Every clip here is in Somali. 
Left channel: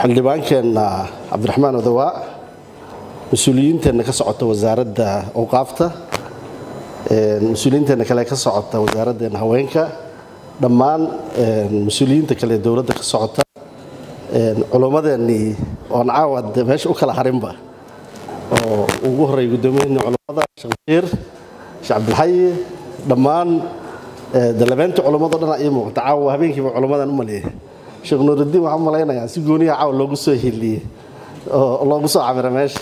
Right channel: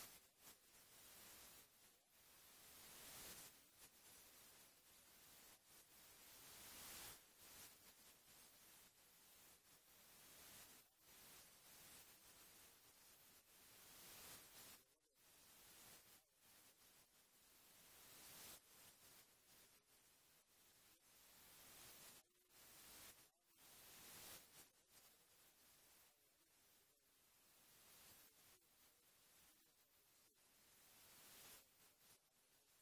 xildhibaankeena Cabdiraxmaan Odawa mas'uuliyiinteena ka socota wasaaradda awqaafta mas'uuliyiinteena kale ka socota wasaaradda haweenka dhammaan mas'uuliyiinta kale dawladda ka socota culumadeeni oo caawad meesha u kala harinba oo ugu horeey gudoomiyaha culimada Sheekh Abdulxay dhammaan dalabeenta culimada dhan ay muuqata caawa habeenkiiba culimadan u maleeyay Sheekh Nuuruddin waxa malaynayaa si gooniya caawa loogu soo heliyay oo loogu soo cabiray meesha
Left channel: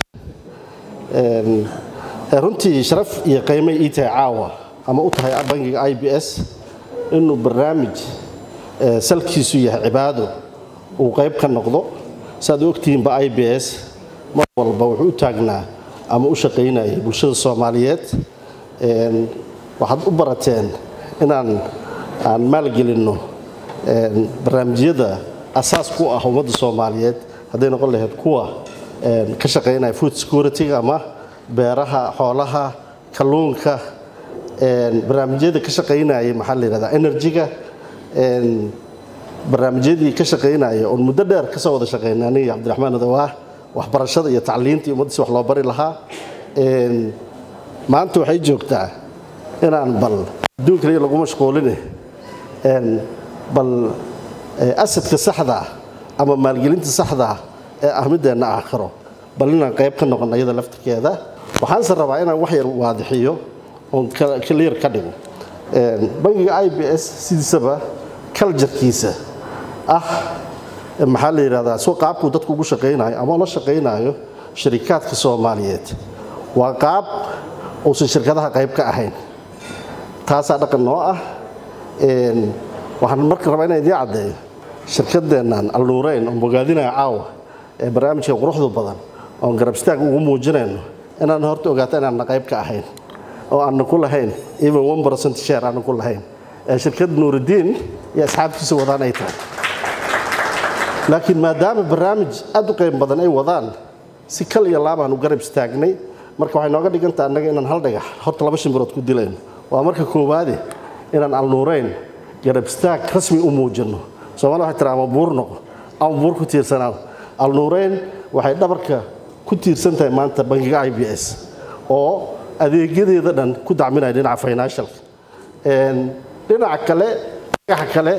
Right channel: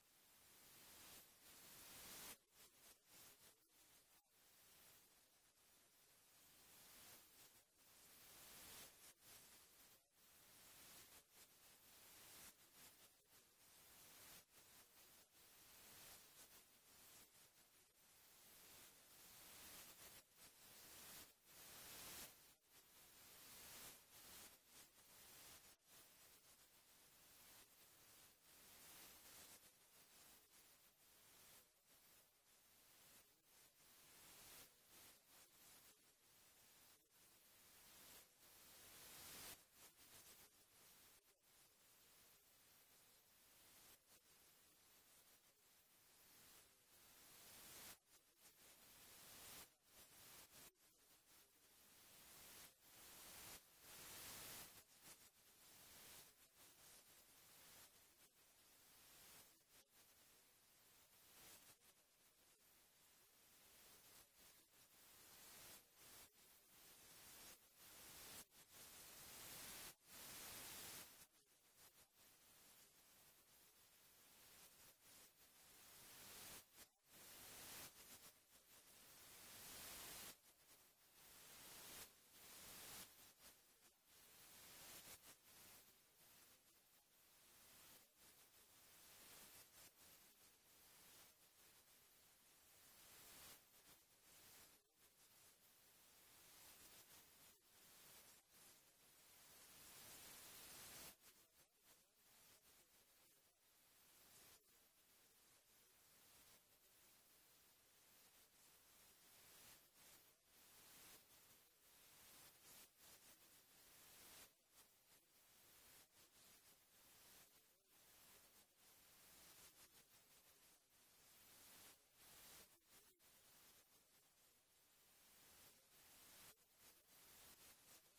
runtii sharaf iyo qiimo ii tahay caawa ama u tahay bangiga IBS inuu barnaamij salkiisu yahay cibaado uu qayb ka noqdo saad ogtiin ba IBS mar walba wuxuu taagnaa ama u shaqeynayay bulshada Soomaaliyeed waxaad u barateen inaan maalgelino barnaamijyada asaas ku ah ummadda Soomaaliyeed haday noqon lahayd kuwa ka shaqeynaya food security ama beeraha xoolaha kalluunka barnaamijyada ka shaqeynaya maxaa la yiraahdaa energy-ga barnaamijyadii ka shaqeynaya oo muddo dheer ka soo wada shaqeynay Cabdiraxmaan Odawa waxbarashada iyo tacliinta ummadda wax loo bari lahaa maanta waxay joogtaa inaan bal adduunka lagu mashquulin bal asadka saxda ama maalgelinta saxda ee ahmideena aakhiro bal inaan qayb ka noqon ayada laftirkeeda waxaan rabaa inaan wax yar waadixiyo oo clear ka dhigo bangiga IBS sidiisaba culture-kiisa maxaa la yiraahdaa soo qaabku dadku ugu shaqeynayo ama la shaqeynayo shirkadaha Soomaaliyeed waa qaab oo shirkadaha qayb ka ahayn taas dhaqan noo ah waxaan markaa rabaa inaan idin cadeeyo shirkadeenan Al-Nuurayn oo bogaadinaya caawa ee barnaamijka quruxda badan oo garab istaag ugu muujinayno inaan horta ogaato inaan qayb ka ahayn oo aan ku lahayn even 1% share aan ku lahayn shirkad Nuuruddin iyo asxaabtiisa wadaan ay tahay laakiin maadaama barnaamij aad u qayb badan ay wadaan si kal iyo laab aan u garab istaagnay marka waxay nooga dhigantaa annaga inaan hal dhagax horta laba shimbirood ku dilayno waa marka koowaad inaan Al-Nuurayn garab istaag rasmi u muujino Soomaaliya waxa tiraahdo buur noqo ama buur ku tiirsanaa Al-Nuurayn waxay dhabarka ku tiirsan tahay maanta bangiga IBS oo adeegyadeeda dhan ku dacminaya dhinaca financial dhinaca kale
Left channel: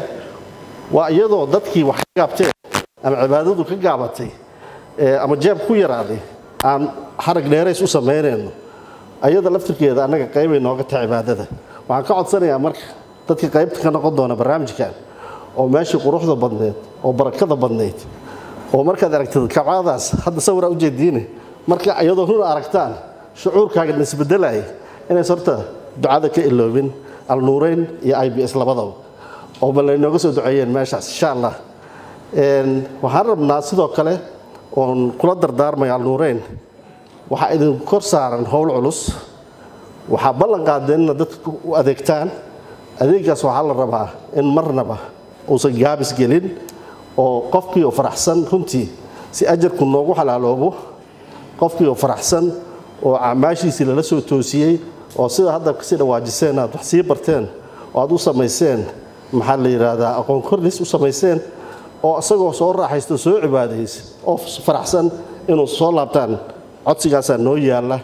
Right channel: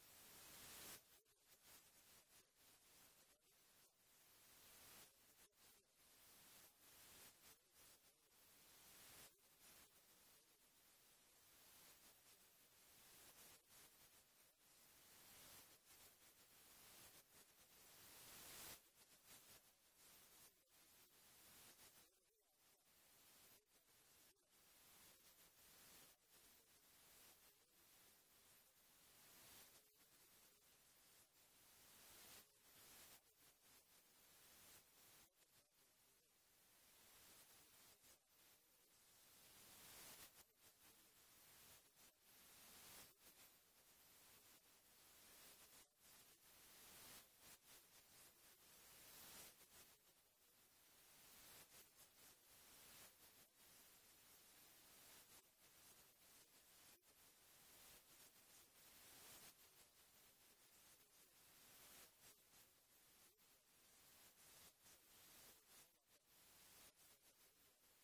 waa iyadoo dadkii wax ka gaabtay ama cibaadadu ka gaabatay ama jeeb ku yaraaday aan xarag dheerays u sameeyeen ayada laftirkeeda anaga qayb ay nooga tahay cibaadada waxaan ka codsanayaa marka dadka qaybta ka noqon doona barnaamijkan oo meesha quruxda badneed oo barakada badneed oo markaad aragtid kabcadaas hadda sawir u jeedin marka ayadoo run aragtaan shucuurkaaga isbedelay inay sorta ducada ka iloobin Al-Nuurayn iyo IBS labadaba oo bal inooga soo duceeyeen meeshaas insha Allah waxaan rabnaa sidoo kale oo kula dardaarmay Al-Nuurayn waxa idin kor saaran howl culus waxa ballan qaadeen dadku u adeegtaan adeegaas waxa la rabaa in marnaba uusan gaabis gelin oo qofkii oo faraxsan runtii si ajarku noogu xalaaloobo qofkii oo faraxsan oo amaashiisi la soo toosiyay oo sida hadda ka sii dhawaajiseen aad wax sii barteen oo aad u sameyseen maxaa la yiraahdaa aqoon kordhis u sameyseen oo asagoo soo raaxaysto soo cibaadaysan oo faraxsan inuu soo laabtaan codsigaas noo yaala